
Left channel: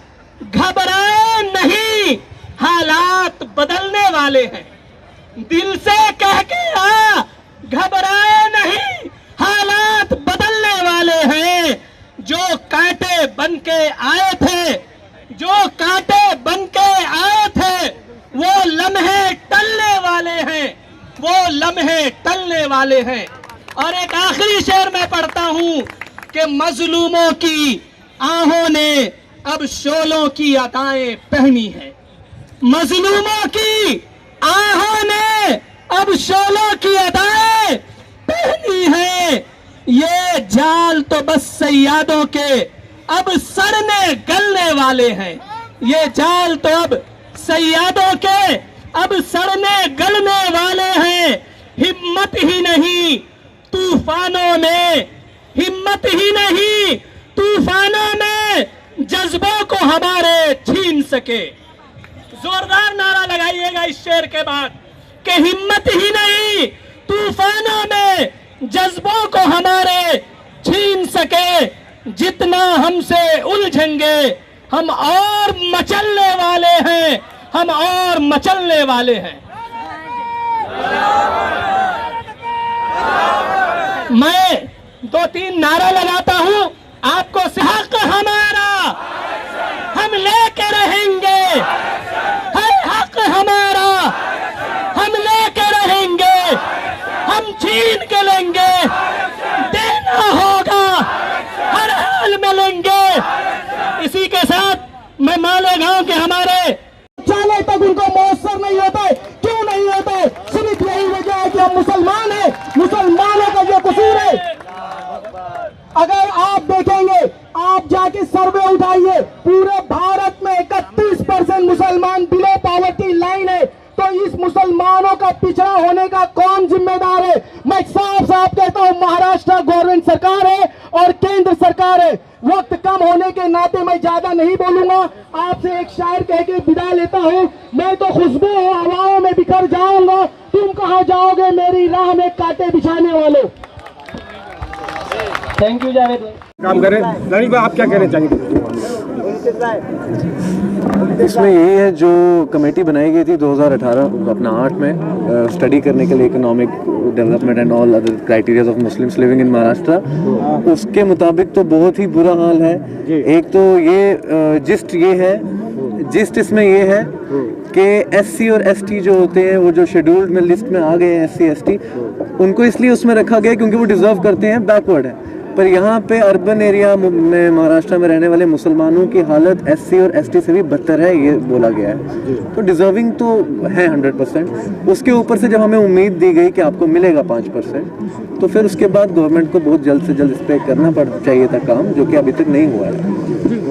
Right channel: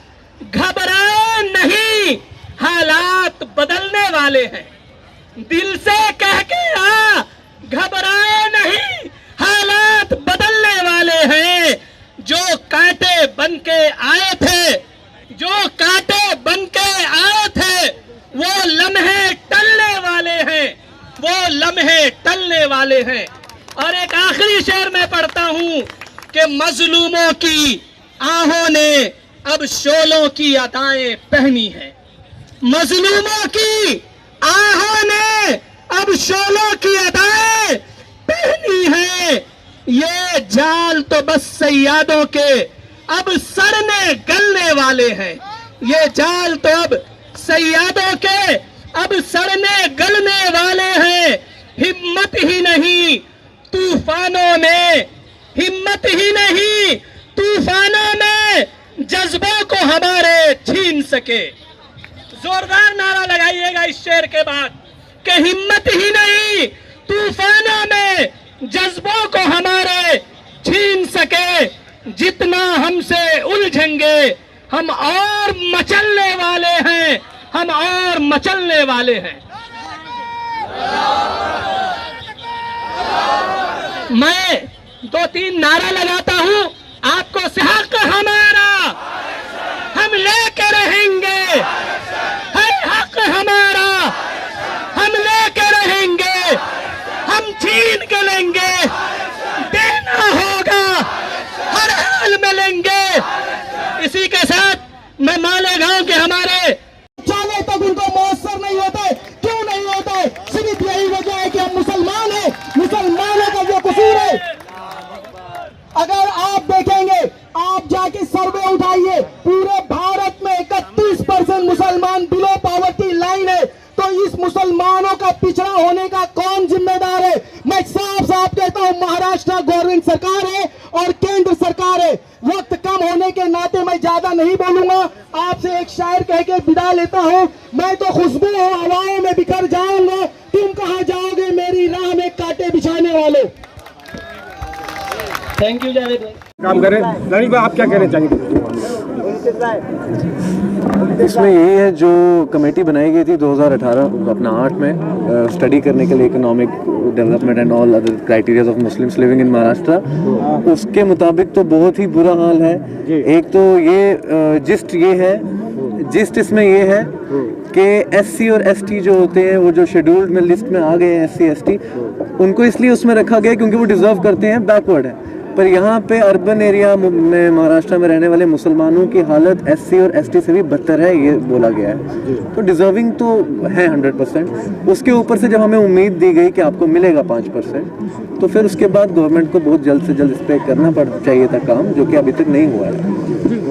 घबराए नहीं, हालात बदलने वाले हैं। दिल से कह के आ, घबराए नहीं, हालात बदलने वाले हैं। जो कांटे बन के आए थे, जो कांटे बन के आए थे, वो लम्हे टलने वाले हैं, वो लम्हे टलने वाले हैं। और एक आखिरी शेर मैं पढ़ता हूं कि मजलूमों की आहों ने अब शोलों की अदाएं पहनी है। मजलूमों की आहों ने अब शोलों की अदाएं पहनी है। ये जाल तो बस सैयादों के अब सड़ने गलने वाले हैं। ये जाल तो अब सैयादों के अब सड़ने गलने वाले हैं। हिम्मत ही नहीं तूफानों में, हिम्मत ही नहीं तूफानों में, जज्बों को हमारे छीन सके। जोरदार नारा लगाइएगा इस शेर के बाद कि हिम्मत ही नहीं तूफानों में, जज्बों को हमारे छीन सके। जितना हमसे उलझेंगे हम और मचलने वाले हैं, हम और मचलने वाले हैं। मैं 2-3 नारा लगाता हूं, आपको हक हमारा हम लेके रहेंगे, है हक हमारा हम लेके रहेंगे, हम छीन के लेंगे, देना होगा हर हाल में लेंगे। इसी के साथ मैं मालेगांव के हमारे चाले तक उनको मौसर नहीं होता है। क्यों नहीं होता है? सिर्फ यही वजह है कि हम मुसलमान हैं, मुसलमानों का जो कसूर है। अगर आप देखेंगे, आप जाके सर्वे उठाइए, पूरे भारत में 31% मुसलमान बिलो पॉवर्टी लाइन है। तो इस मुसलमानों का पिछड़ा होने का कौन जिम्मेदार है? मैं साफ साफ कहता हूँ, महाराष्ट्र गवर्नमेंट सरकार है और केंद्र सरकार है। वक्त कम होने के नाते मैं ज्यादा नहीं बोलूंगा, आपसे एक शायर कह के विदा लेता हूँ। मैं तो खुशबू हवाओं में बिखर जाऊंगा, तुम कहाँ जाओगे मेरी राह में कांटे बिछाने वालों। थैंक यू जावेद भाई। काम करें लड़ी भाई, आप क्या कहना चाहेंगे? इसमें यही है जो कमेटी बनाई गई थी 2018 अपना 8 में स्टडी करने के लिए economic development and all other criterias of Muslims living in Maharashtra. उसके मुताबिक तो बहुत ही बुरा हाल है। एक तो ये जिस्ट इसमें ये है कि SC और ST जो होते हैं, वो जो शेड्यूल्ड में लिस्ट में आ गए हैं SC ST, उनको इसलिए उसमें रखा गया क्योंकि वो डिजर्व करते हैं, बैकवर्ड है। पर यहाँ पे अर्बन एरिया में महाराष्ट्र में रहने वाले मुसलमानों की हालत SC और ST से भी बदतर है, ये बोला गया है। तो डिजर्विंग तो है 100%। उसके ऊपर से जब हमें उम्मीद दी गई कि आपको मिलेगा 5%, तो फिर उसके बाद गवर्नमेंट को बहुत जल्द से जल्द इस पर करना चाहिए था काम, जो कि अभी तक नहीं हुआ है।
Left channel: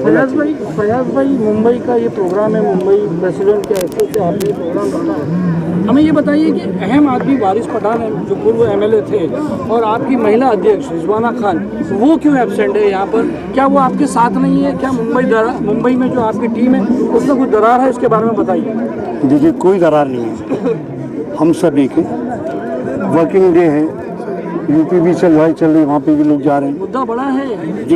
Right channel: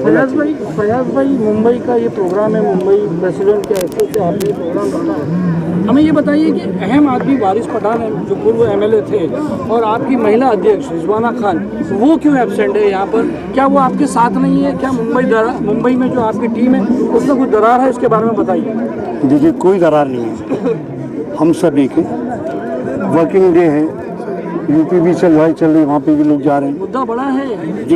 फयाज भाई मुंबई का ये प्रोग्राम है, मुंबई प्रेसिडेंट के हैसियत से आपने ये प्रोग्राम रखा है। हमें ये बताइए कि अहम आदमी वारिस पठान है जो पूर्व MLA थे, और आपकी महिला अध्यक्ष रिजवाना खान, वो क्यों एब्सेंट है यहाँ पर? क्या वो आपके साथ नहीं है? क्या मुंबई में जो आपकी टीम है उसमें कुछ दरार है? इसके बारे में बताइए। देखिए, कोई दरार नहीं है। हम सभी के वर्किंग डे है, यूपी भी चल रही, वहाँ पे भी लोग जा रहे हैं। मुद्दा बड़ा है जी।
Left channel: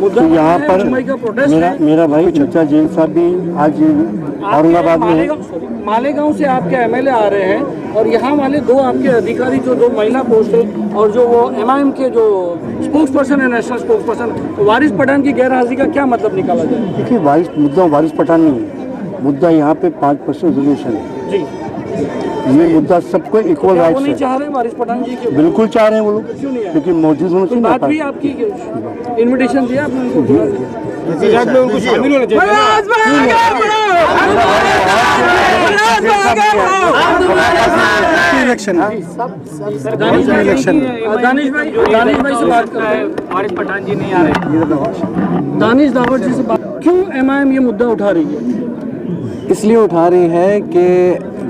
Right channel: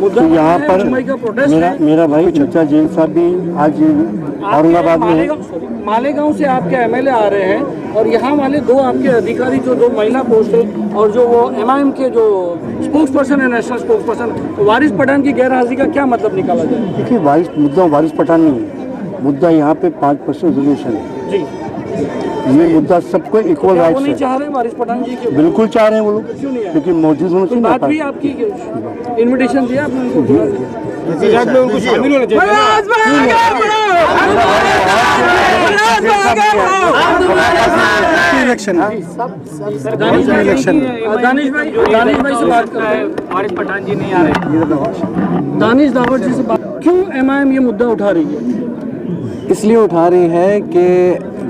मुद्दा तो यहाँ है, पर मुंबई का प्रोटेस्ट है। मेरा भाई चचा जैन साहब भी आज औरंगाबाद में है। मालेगांव से आपके एमएलए आ रहे हैं और यहाँ वाले दो आपके अधिकारी जो दो महिला पोस्ट है और जो वो एमआईएम के जो स्पोक्स पर्सन है, नेशनल स्पोक्स पर्सन वारिस पठान की गैर हाजिरी का क्या मतलब निकाला जाए? देखिए, वारिस पठान नहीं है मुद्दा, यहाँ पे 5% रिजर्वेशन है जी। ये मुद्दा सबको इक्वल वो राइट्स नहीं है। चाह रहे वारिस पठान जी के? बिल्कुल चाह रहे हैं वो लोग, क्यों नहीं है? क्योंकि मौजूद होना तो चाहिए बात भी ना। आपकी इनविटेशन दिया आपने उनको? उनको शामिल होना दानिश भाई से बात करते हैं। वारिस पठान जी नहीं आ रहे। दानिश दावत जी से बात, क्यों एमआईएम ये मुद्दा उठा रही है? इसलिए उठा रही है कि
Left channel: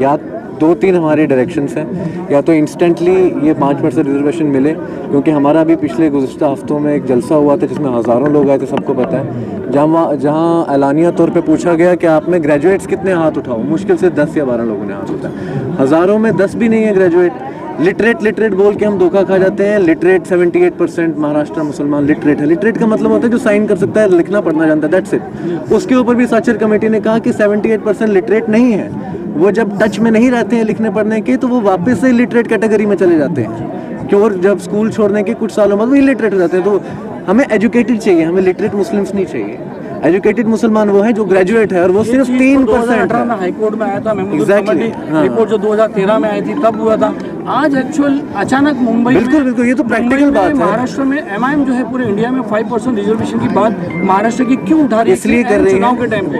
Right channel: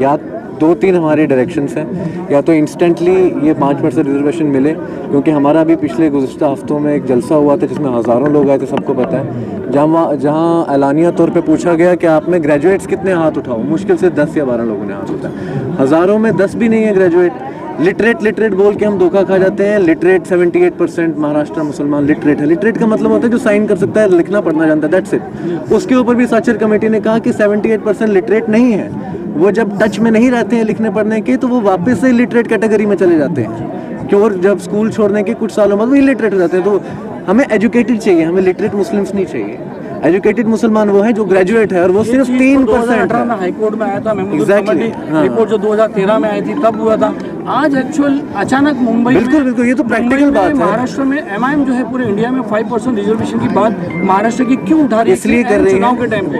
या 2-3 हमारे डायरेक्शंस हैं, या तो इंस्टेंटली ये 5% रिजर्वेशन मिले, क्योंकि हमारा भी पिछले गुज़श्ता हफ्तों में एक जलसा हुआ था जिसमें हज़ारों लोग आए थे, सबको पता है, जहाँ एलानिया तौर पे पूछा गया कि आप में ग्रेजुएट्स कितने हाथ उठाओ, मुश्किल से 10 या 12 लोगों ने हाथ उठाया। हज़ारों में 10 भी नहीं है ग्रेजुएट। लिटरेट बोल के हम धोखा खा जाते हैं। लिटरेट 78% महाराष्ट्र मुसलमान लिटरेट है। लिटरेट का मतलब होता है जो साइन कर सकता है, लिखना पढ़ना जानता है, दैट्स इट। उसके ऊपर भी साक्षर कमेटी ने कहा कि 78% लिटरेट नहीं है। वो जब टच में नहीं रहते हैं लिखने पढ़ने के, तो वो वापस से लिटरेट कैटेगरी में चले जाते हैं। क्यों? और जब स्कूल छोड़ने के कुछ सालों बाद वो इलिटरेट हो जाते हैं। तो हमें एजुकेटेड चाहिए, हमें लिटरेट मुस्लिम्स नहीं चाहिए। एजुकेटेड मुसलमान वो है जो ग्रेजुएट है, और वो सिर्फ 3% है। में हाईकोर्ट में आया था, Exactly, हाँ। रिपोर्ट जो 2013 में आई थी तब हुआ था। आज एक्चुअल अचानक मुंबई बिल्कुल, ये तो प्रैक्टिकल बात है। महाराष्ट्र में एमआईएम जो है पूरे इंडिया में 5% रिजर्वेशन की बात महाराष्ट्र की क्यों उठा रही है? इसलिए कर रही है चुनाव के टाइम पे।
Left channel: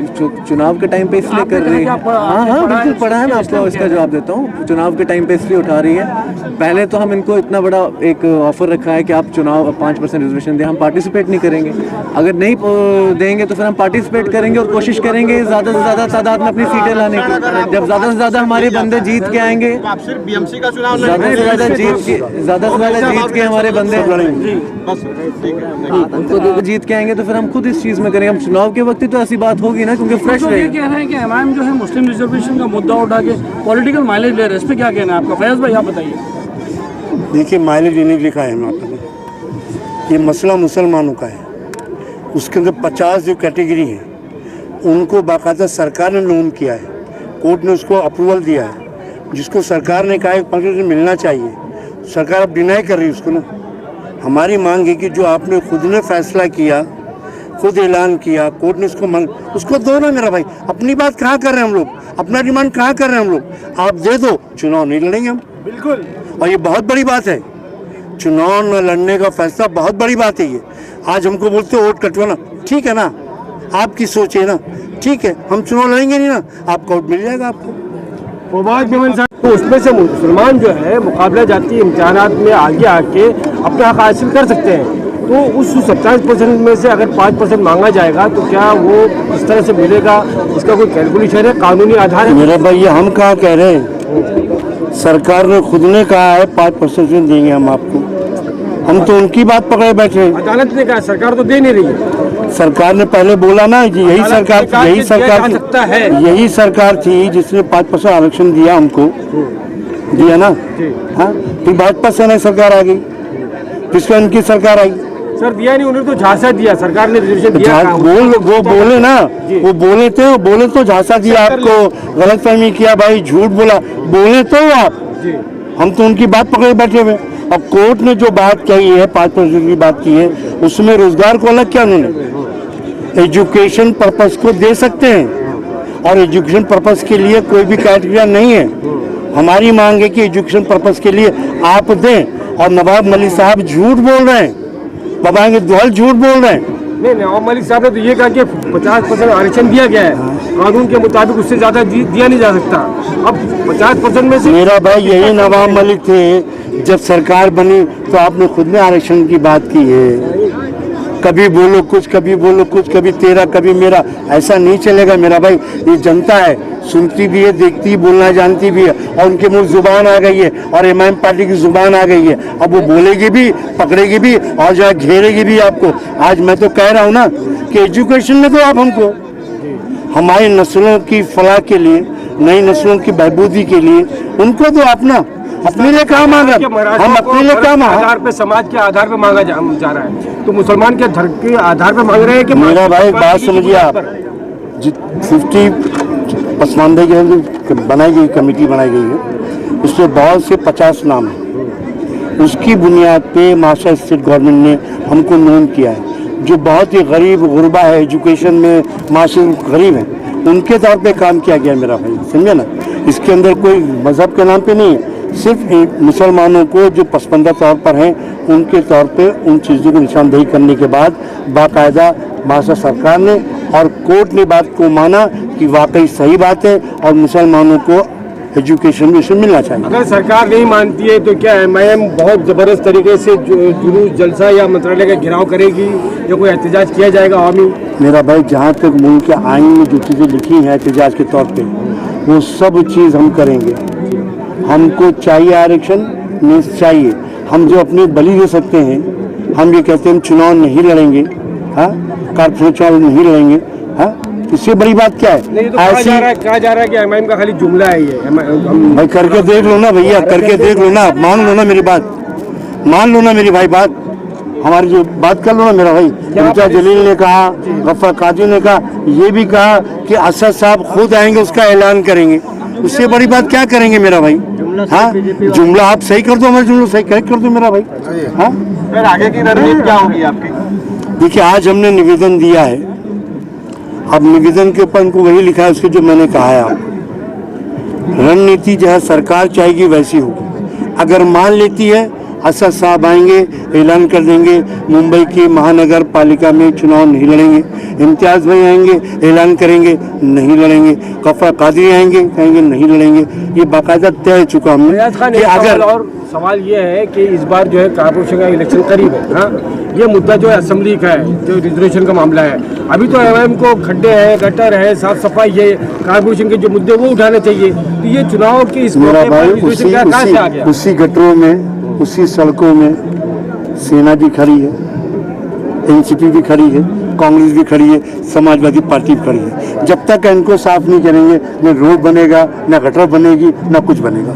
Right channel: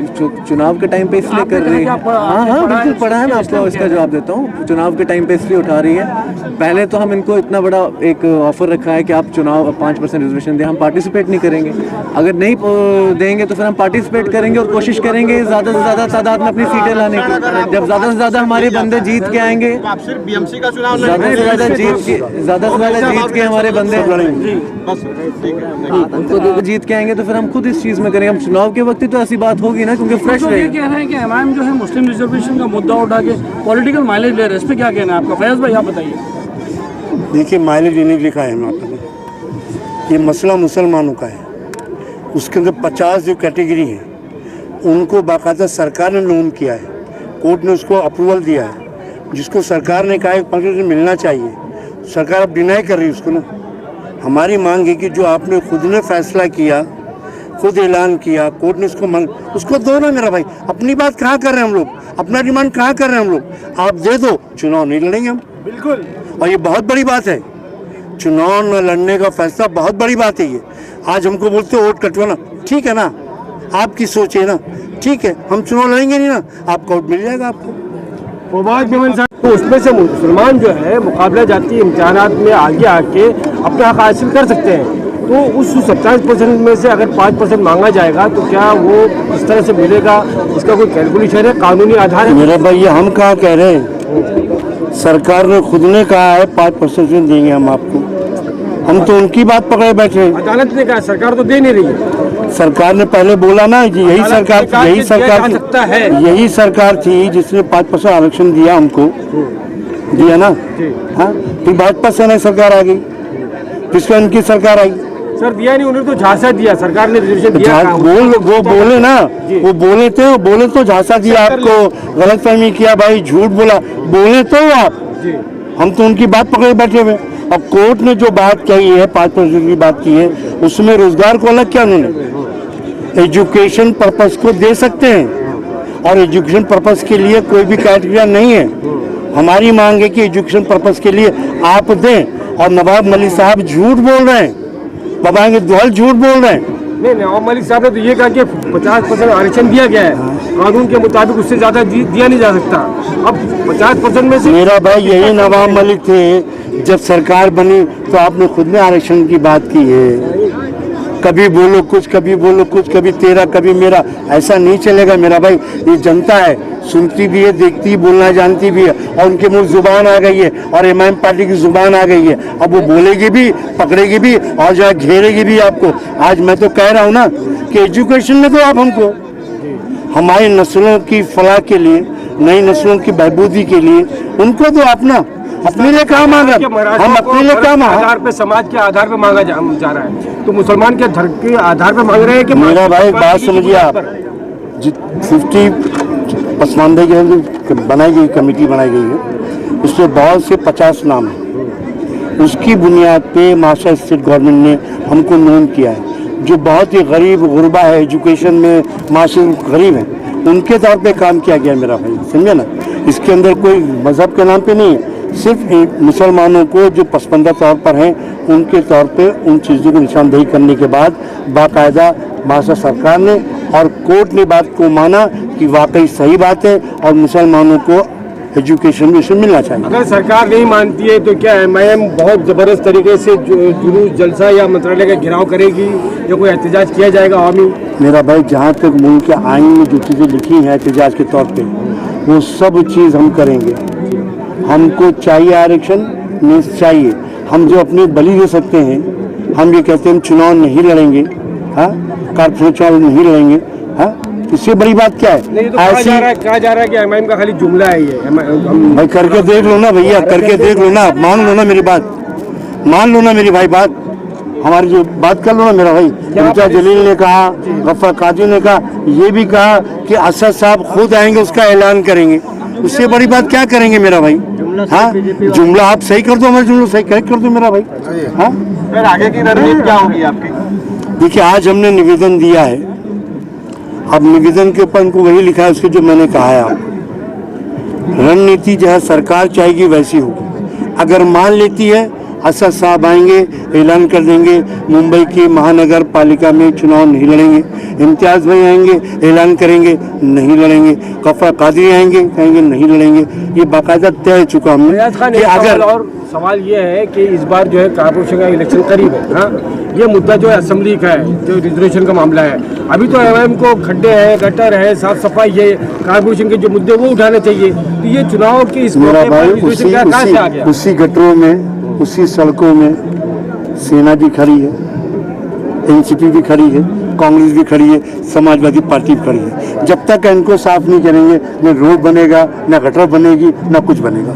चुनाव के टाइम पे इसलिए कर रही है। हाँ, बिल्कुल पढ़ा है, मैं आपको इसका जवाब देता हूँ। चुनाव के टाइम पे इसलिए उठा रही है। पहले तो हम इनको इतना बड़ा एक ऑफर रखा है कि आप चुनाव 5% रिजर्वेशन दें, हम पार्टिसिपेट नहीं करेंगे। अगर नहीं देंगे तो फिर हम पार्टिसिपेट करेंगे और कोशिश करेंगे ज़्यादा से ज़्यादा तादाद में अपनी सीटें लाने की। जब ज़्यादा से ज़्यादा हमारे बंदे जीत के आएंगे, आप सिर्फ बीएमसी का चुनाव ज़्यादा से ज़्यादा जीत के हमारे बंदे उनको जीत के आएंगे, तो फिर हम खुद इस चीज़ में करेंगे। हम चुनाव के वक्त ही तो ऐसी बात होगी ना, क्योंकि फ्रेश तो ये कह रहे हैं कि एमआईएम जो है मुस्लिम रिजर्वेशन का मुद्दा उठा के पॉलिटिकल माइलेज ले रहे हैं, इस पे क्या कहना है आपका? फैयाज भाई आप बताइए। देखिए, माइलेज नहीं लिखा है वहाँ पर, ये मसला मुसलमानों का है। उसके अंदर 50 जो कैटेगरी है उनको बाकायदा सरकार ने नोम किया है, कोर्ट ने उसको अप्रूवल दिया है, जिसको सरकार ने कहा है 5% मिलना चाहिए। सरकार अब डिनाई कर रही है उसको ना। हमारी मांग है कि जो आपने खुद ने फैसला किया, खुद ऐलान किया, कोर्ट ने उसको दो ना मेरा भाई। अपनी बात कहाँ कर रहे हैं हम लोग, अपना डिमांड कहाँ कर रहे हैं हम लोग? आप दे दो, चुनाव नहीं लड़ेंगे हम। बिल्कुल। और ये बहुत बड़ी बात है, चुनाव न लड़ने का फैसला बहुत बड़ी बात है ये। आज हमको बोलते हो वोट कटवाना, ठीक है ना, आपकी सोच है ना, ठीक है, हम चुनाव लड़ेंगे नहीं ना, आपका वोट मिल जाएगा आपको। तो उसमें से मुसलमान जो है मुकाबला जाती इम्तिहानात में आगे आके अपना हक हासिल कर सकते हैं। तो उस 70% में से अगर 5% मांगा जाएगा तो क्या वो इस तरह से मिलेगा? इसका कोई कैलकुलेशन है, कानूनी आधार है? मेरा भाई, ये हम कहाँ कह रहे हैं, सरकार ने खुद ने कहा है 5% देंगे हम आपको। हम तो उनकी बात पकड़े बैठे हैं। अदालत ने कहा, सरकार तो दे नहीं रही है। सरकार ने पहले बोला ना, यही सरकार थी जिसने 5% आरक्षण दिया हमको, दिया ना। हाँ, फिर भाजपा सेना सरकार आ गई, फिर उनकी सरकार आई। सर दिया नहीं, उन्होंने तो झांसा दिया, सरकार ने रिजर्वेशन दिया। वो बोले ना, वो बोले तो झांसा दिया आपको, गलतफहमी किया भाई, झूठ बोला, बोले तो आप। हम तो उनकी बात पकड़े बैठे हुए। अब कोर्ट ने जो बात कही है, 5% की बात की है, उसमें रोजगार को अलग किया उन्होंने। एजुकेशन पर्पस को दे सकते हैं, और एजुकेशन पर्पस के लिए कोई भी क्राइटेरिया नहीं है। हमारी मांग है कि एजुकेशन पर्पस के लिए आप दें। और नवाब मलिक साहब झूठ बोल रहे हैं, बाबाएंगे दोहल झूठ बोल रहे हैं। नहीं, नवाब मलिक साहब ने तो ये कहा कि 50% आरक्षण दिया गया है, कानून के मुताबिक उससे ज्यादा दिया नहीं जा सकता। अब 50% में से मेरा भाई यही नवाब मलिक थे, जब सरकार बनी तो आपने खुद ने आरक्षण की बात की है। कभी बोलो कुछ, कभी बोलो कुछ, कभी तेरा कभी मेरा, ऐसा नहीं चलेगा मेरा भाई। ये जनता है, सुनती भी है, देखती, बोलना जानती भी है, और उनके मुंह जुबान आ गई है, और एमआईएम पार्टी की जुबान आ गई है। अब वो बोलेगी भी, पकड़ेगी भी, और जो है घेरेगी भी आपको। आज मैं तो कह रहा हूँ ना कि एजुकेशन में तो आप हमको, हमारी नस्लों की फलाह के लिए, नई नस्लों की बहबूदी के लिए उनको तो आप ना, अपने लिए कहाँ मांगा, हम अपने लिए क्या मांगा? आधार पे, समाज के आधार पे मांगा जा रहा है, तो मुसलमान के धर्म के आधार पे मांग रहे हैं कि मेरा भाई बात समझिए आप, 50 पसमानदे की बनाई गई कमेटी बनाई गई है, उसमें बहुत से 50 नाम है, उसकी बुनियाद पे महाराष्ट्र स्टेट गवर्नमेंट ने हमको नोन किया है। जो बहुत ही गरीब गुरबा है, एजुकेशन में माशरे गरीब है, उनके तौर पे काम किया गया मेरा भाई, समझे ना। इसके अंदर कोई मजहब के नाम पे नहीं है, सिर्फ मुसलमानों को जो पसमानदा तौर पर हैं उनके तौर पे उन चीज़ों को निशानदेही करने के बाद बाकायदा महाराष्ट्र सरकार ने और कोर्ट ने बात को माना कि वाकई सही बात है और मुसलमानों को एजुकेशन में इसे मिलना चाहिए। अगर सरकार नहीं मानती है तो क्या एमआईएम बहुत ज़बरदस्त तरीके से जुलूस, जलसा या मंत्रालय का घेराव करेगी या कोई एहतजाज किया जाएगा आवामी? मेरा भाई जहाँ तक मुल्क के आइन में जो चीज़ें लिखी हैं एहतजाज के तौर पे, वो सब चीज़ हम करेंगे। हमको चाहिए आरक्षण, नहीं चाहिए, हम जो अपनी बलि दे सकते हैं, हम ये कहते हैं हम चुनाव नहीं लड़ेंगे, हाँ, कारपोरेशन चुनाव नहीं लड़ेंगे, हाँ, इससे बड़ी बात क्या है? नहीं तो कहा जा रहा है कि एमआईएम का खाली जुमला है ये। भाई करके देख लो ना भैया, करके देख लो ना, मान लो ना मेरी बात, मान लो ना मेरी भाई बात, हमारी जो बात कर लो ना मेरा भाई। इम्तियाज जलील ने कहा, गफ्फार काजी ने कहा, ये भी कहा कि असद साहब खुद आएंगे उसका ऐलान करेंगे, उससे बड़ी बात क्या करेंगे मेरा भाई? हाँ, जुमला आप सही कर दो, हमारे जुमला सही करेक्ट कर दो मेरा भाई। हाँ, फिर आगे की रणनीति क्या होगी आपकी? देखिए आज हमने निवेदन दिया है, अब निवेदन के ऊपर इनको वही लिखा है उसके जो मैंने कहा है। आप रणनीति जो है सरकार चाहेगी वैसी होगी। अगर मान लेती है असद साहब आएंगे, ऐलान कर देंगे मुंबई की महानगर पालिका में चुनाव नहीं लड़ेंगे, इम्तियाज भाई आएंगे ऐलान करेंगे नहीं लड़ेंगे, गफ्फार कादरी आएंगे कहेंगे नहीं लड़ेंगे, ये बाकायदा तय हो चुका हमने कि अगर। और सवाल ये है कि इस बार जो है कारपोरेशन का इलेक्शन करीब है, हाँ, ये मुद्दा जो है असेंबली का है, जो रिजर्वेशन का मामला है, अभी तो एमआईएम को खड्डे हैं, गटर है, साफ सफाई, ये कारपोरेशन के जो मुद्दे वो उठाने चाहिए, तो ये चुनाव की इस मेरा भाई उसी गटरों में, उसी सड़कों में सेना भी खड़ी है, एनसीपी भी खड़ी है, कांग्रेस भी खड़ी है, समाजवादी पार्टी भी खड़ी है। जब तक इनको साफ नहीं करेंगे न रोड बनेगा, न गटर बनेगी, न कुछ बनेगा।